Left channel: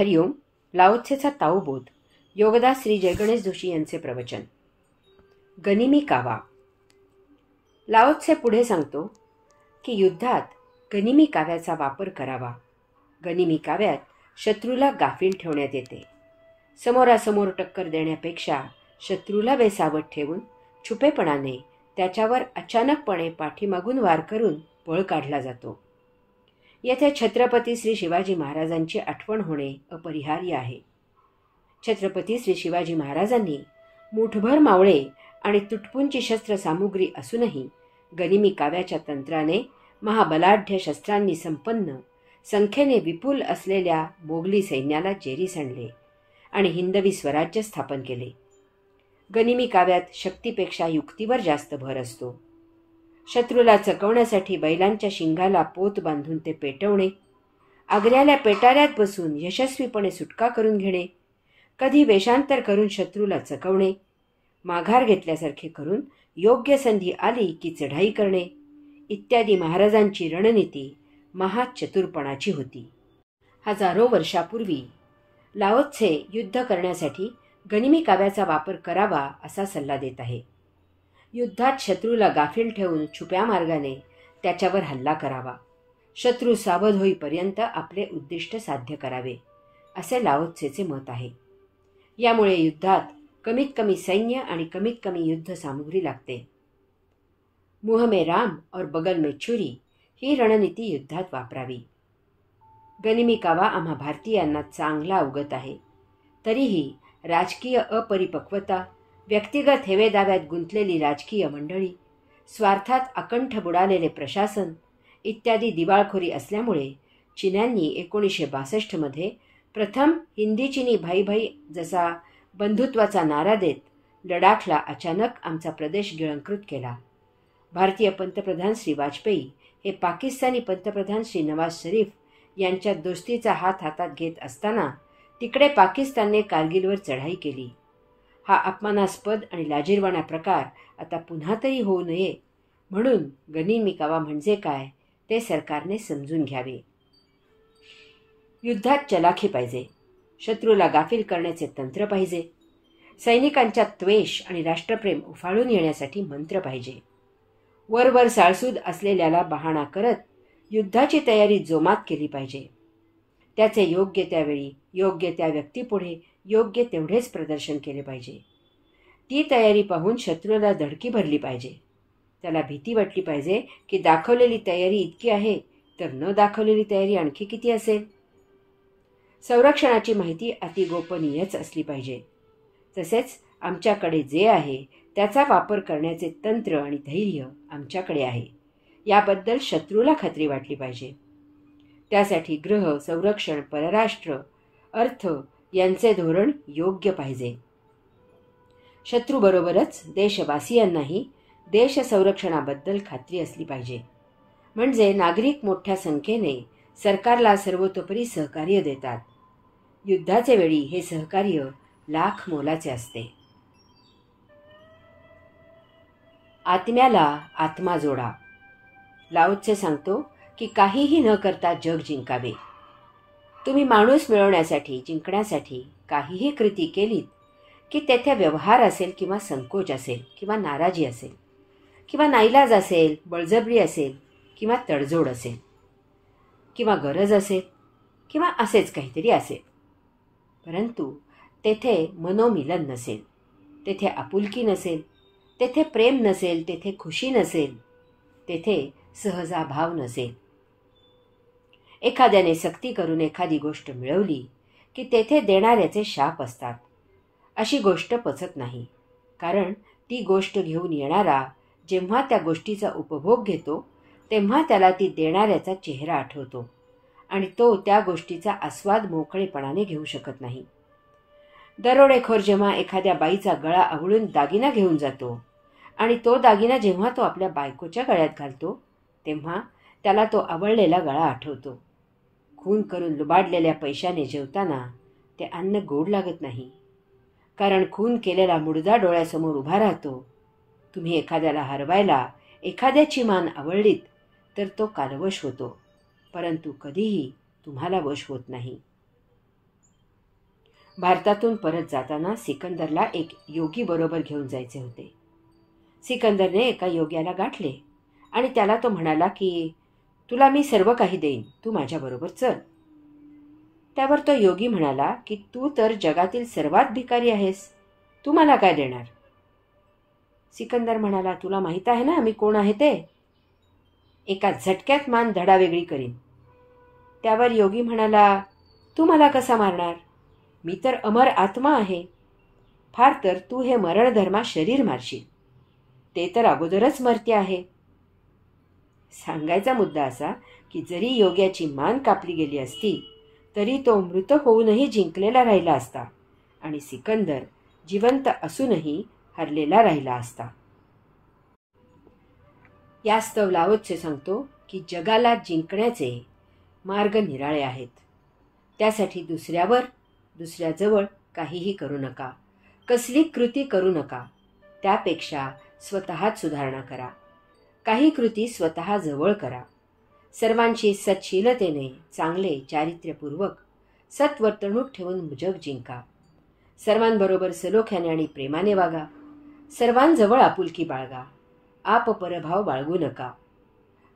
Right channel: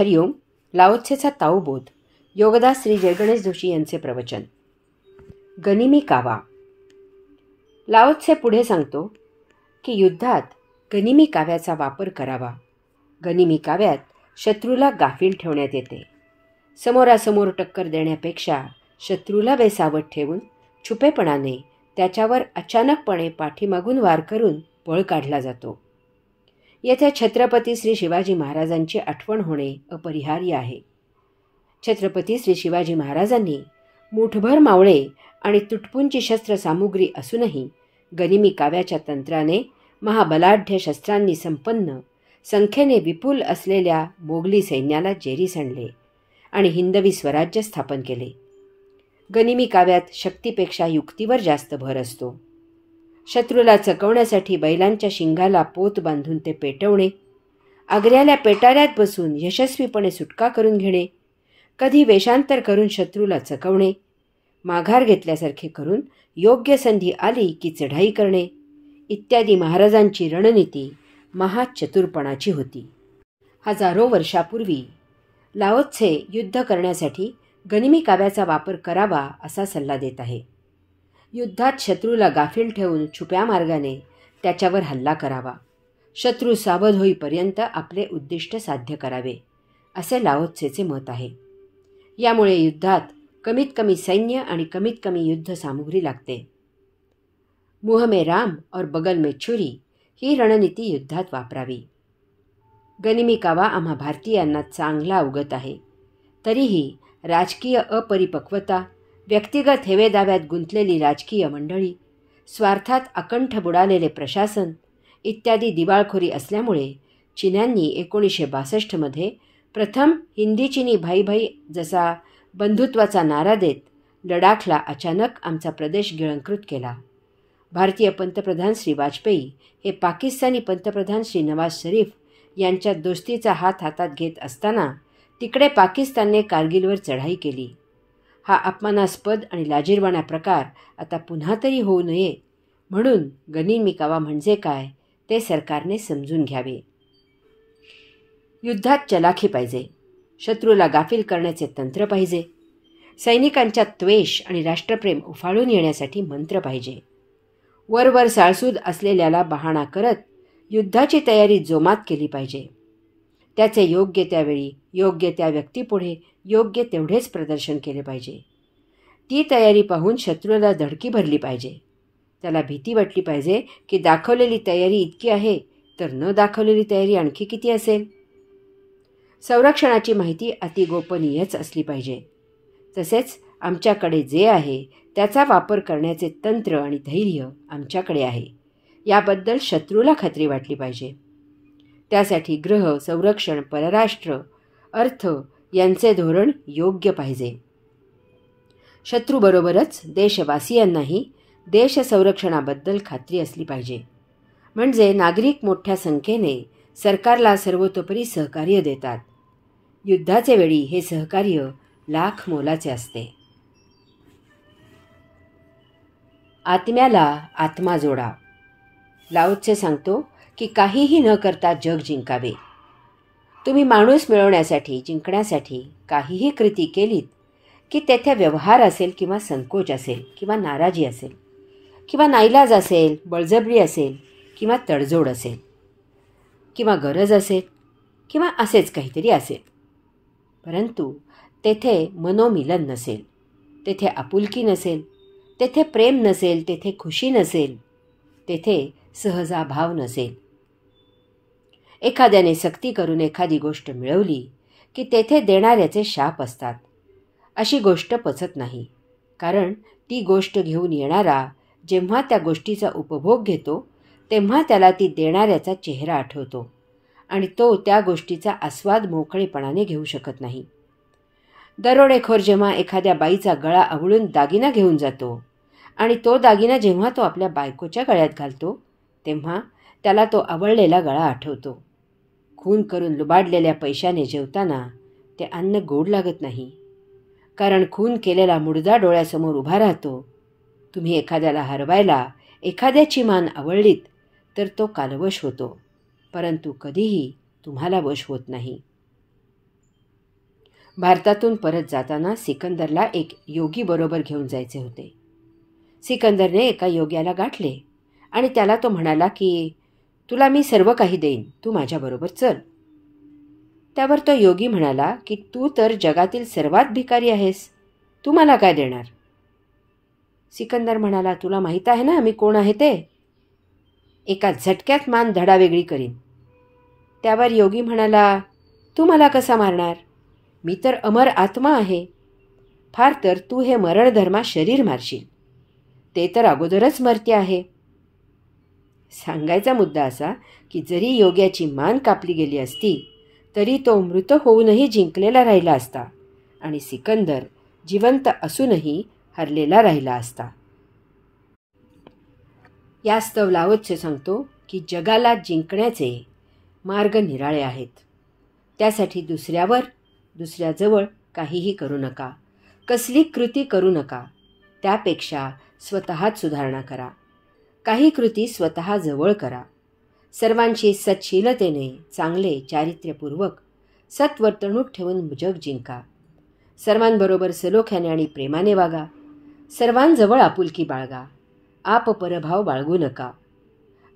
हरिओम. लाओत्सेचा ताओबोध. योगदास श्री जयगणेश जोशी यांचे प्रवचन. गनिमी कावा. लाओत्से पुढे सांगतो की युद्धात गनिमी काव्याचा वापर करावा. गनिमी काव्यात शत्रूला गाफील ठेवण्यात येते. समोरासमोर टक्कर देण्यापेक्षा शत्रूला बेसावध ठेवून छुपेपणाने त्याच्यावर अचानकपणे पाठीमागून वार करून पळ काढला जातो. येथे छत्रपती श्री शिवाजी महाराजांची आठवण होणे अपरिहार्य आहे. छत्रपती श्री शिवाजी महाराजांनी मुठभर मावळे आणि तुटपुंची शस्त्रसामुग्री असूनही गनिमी काव्याच्या तंत्राने महाबलाढ्य शस्त्रांनी संपन्न, संख्येने विपुल असलेल्या मोगली सैन्याला जेरी सांडले आणि हिंदवी स्वराज्य स्थापन केले. गनिमी काव्यात शक्तीपेक्षा युक्तीवर जास्त भर असतो. शत्रूला चकवण्यासाठी बैलांच्या शिंगाला पोत बांधून ते पेटवणे, आग्र्याला पेटाऱ्यात बसून यशस्वीपणे सुटका करून घेणे, कधी वेषांतर करून शत्रूला चकवणे, माघार घेतल्यासारखे करून योग्य संधी आली की चढाई करणे इत्यादी महाराजांची रणनीती महाचतुरपणाची होती. हजारो वर्षापूर्वी लाओत्से युद्ध करण्यासाठी गनिमी काव्याचा वापर करावा असा सल्ला देत आहे. युद्धात शत्रूला गाफील ठेवून छुप्या मार्गाने त्याच्यावर हल्ला करावा. शत्रू सावध होईपर्यंत आपले उद्दिष्ट साध्य करावे असे लाओत्सेचे मत आहे. यामुळे युद्धात कमीत कमी सैन्य आणि कमीत कमी युद्ध सामुग्री लागते. मुँह में राम और बगल में छुरी ही रणनीती युद्धात वापरावी. गनिमी कावा आम्हा भारतीयांना चांगला अवगत आहे. तरीही राजकीय अपरिपक्वता, व्यक्तिगत हेवेदाव्यात गुंतलेली राजकीय मंडळी, स्वार्थात अकंठ बुडालेले प्रशासन इत्यादी दिवाळखोरी असल्यामुळे चीन्यांनी 1962 प्रथम हिंदी चिनी भाई भाई जसा बंधुत्वाचा नारा देत लडाखला अचानक आमचा प्रदेश गिळंकृत केला. भारतीय पंतप्रधान श्री वाजपेयी हे पाकिस्तानी पंतप्रधान श्री नवाज शरीफ यांच्या दोस्तीचा हात हातात घेत असताना तिकडे पाकिस्तानने कारगिलवर चढाई केली. हा अपमानास्पद आणि लाजिरवाणा प्रकार आता पुन्हा तरी होऊ नये म्हणून गनिमी कावा म्हणजे काय ते सरकारने समजून घ्यावे. युद्धात चलाखी पाहिजे. शत्रूला गाफील करण्याचे तंत्र पाहिजे. सैनिकांच्या त्वेष आणि राष्ट्रप्रेम उफाळून येण्यासाठी मंत्र पाहिजे. वरवर साळसूद असलेल्याला बहाणा करत युद्धाची तयारी जोमात केली पाहिजे. त्याचे योग्य त्यावेळी योग्य त्या व्यक्तीपुढे योग्य तेवढेच प्रदर्शन केले पाहिजे. ती तयारी पाहून शत्रूला धडकी भरली पाहिजे. त्याला भीती वाटली पाहिजे की दाखवलेली तयारी इतकी आहे तर न दाखवलेली तयारी आणखी किती असेल. संरक्षणाची माहिती अति गोपनीयच असली पाहिजे. तसेच आमच्याकडे जे आहे त्याचा वापर करण्याचे तंत्र आणि धैर्य आमच्याकडे आहे याबद्दल शत्रूला खात्री वाटली पाहिजे. त्यासाठी गृह, संरक्षण, परराष्ट्र, अर्थ यांचे धोरण योग्य पाहिजे. शत्रूबरोबरच देशवासियांनाही देश संरक्षणाबद्दल खात्री असली पाहिजे. म्हणजे नागरिक मोठ्या संख्येने सरकारला सर्वतोपरी सहकार्य देतात. युद्धाचे वेळी हे सहकार्य लाख मोलाचे असते. आत्म्याला आत्मा जोडा. लाओत्से सांगतो की काहीही न करता जग जिंकावे. तुम्ही माणूस मिळवण्यासाठी, जिंकण्यासाठी काहीही कृती केलीत की तेथे व्यवहार असेल किंवा संकोच असेल किंवा नाराजी असेल किंवा नाईलाज असेल, बळजबरी असेल किंवा तडजोड असेल किंवा गरज असेल किंवा असेच काहीतरी असेल, परंतु तेथे मनोमिलन नसेल, तेथे आपुलकी नसेल, तेथे प्रेम नसेल, तेथे खुशी नसेल, तेथे सहजाभाव नसेल. एखाद्याने सक्ती करून एखादी गोष्ट मिळवली की तेथे देणाऱ्याचे शाप असतात. अशी गोष्ट पचत नाही. कारण ती गोष्ट घेऊन येणारा जेव्हा त्या गोष्टीचा उपभोग घेतो तेव्हा त्याला ती देणाऱ्याचा चेहरा आठवतो आणि तो त्या गोष्टीचा आस्वाद मोकळेपणाने घेऊ शकत नाही. दरोडेखोर जेव्हा एखाद्या बाईचा गळा आवळून दागिना घेऊन जातो आणि तो दागिना जेव्हा तो आपल्या बायकोच्या गळ्यात घालतो तेव्हा त्याला तो आवळलेला गळा आठवतो. खून करून लुबाडलेल्या पैशाने जेवताना ते अन्न गोड लागत नाही. कारण खून केलेला मुडदा डोळ्यासमोर उभा राहतो. तुम्ही एखाद्याला हरवायला एखाद्याची मान आवळलीत तर तो कालवश होतो, परंतु कधीही तुम्हाला वश होत नाही. भारतातून परत जाताना सिकंदरला एक योगी बरोबर घेऊन जायचे होते. सिकंदरने एका योग्याला गाठले आणि त्याला तो म्हणाला की तुला मी सर्व काही देईन, तू माझ्याबरोबर चल. त्यावर तो योगी म्हणाला की तू तर जगातील सर्वात भिकारी आहेस, तू मला काय देणार? सिकंदर म्हणाला, तुला माहीत आहे ना मी कोण आहे ते? एका झटक्यात मान धडावेगळी करीन. त्यावर योगी म्हणाला, तू मला कसा मारणार? मी तर अमर आत्मा आहे. फार तर तू हे मरणधर्मा शरीर मारशील, ते तर अगोदरच मर्त्य आहे. सांगायचा मुद्दा असा की जरी योग्याची मान कापली गेली असती तरी तो मृत होऊनही जिंकलेला राहिला असता आणि सिकंदर जिवंत असूनही हरलेला राहिला असता. यास्तव लाओत्से सांगतो की जगाला जिंकण्याचे मार्ग निराळे आहेत. त्यासाठी दुसऱ्याजवळ काहीही करू नका, कसली कृती करू नका. त्यापेक्षा स्वतःच सुधारणा करा. काही कृती स्वतः जवळ करा. सर्वांशी सत्शीलतेने, चांगले चारित्र्यपूर्वक सत्वर्तणूक ठेवून जग जिंका. सर्वांबरोबर सलोख्याने आणि प्रेमाने वागा. सर्वांजवळ आपुलकी बाळगा. आपपरभाव बाळगू नका.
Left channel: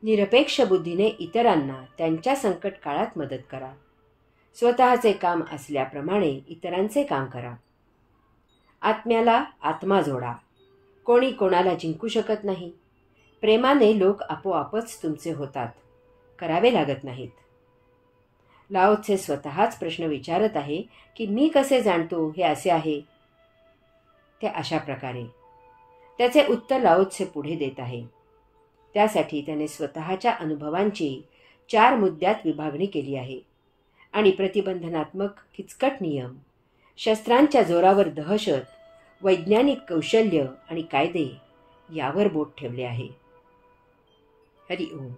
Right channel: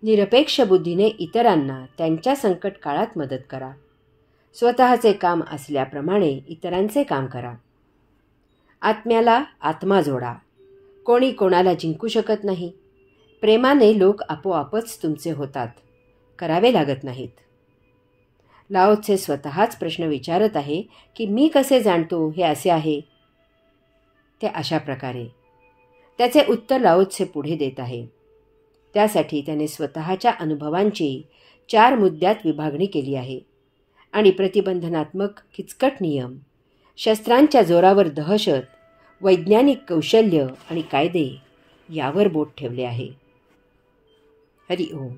निरपेक्ष बुद्धीने इतरांना त्यांच्या संकट काळात मदत करा. स्वतःचे काम असल्याप्रमाणे इतरांचे काम करा. आत्म्याला आत्मा जोडा. कोणी कोणाला जिंकू शकत नाही. प्रेमाने लोक आपोआपच तुमचे होतात, करावे लागत नाहीत. लाओत्से स्वतःच प्रश्न विचारत आहे की मी कसे जाणतो हे असे आहे ते अशा प्रकारे. त्याचे उत्तर लाओत्से पुढे देत आहे. त्यासाठी त्याने स्वतःच्या अनुभवांची 4 मुद्द्यात विभागणी केली आहे आणि प्रतिबंधनात्मक किचकट नियम, शस्त्रांच्या जोरावर दहशत, वैज्ञानिक कौशल्य आणि कायदे यावर बोट ठेवले आहे. हरि ओम.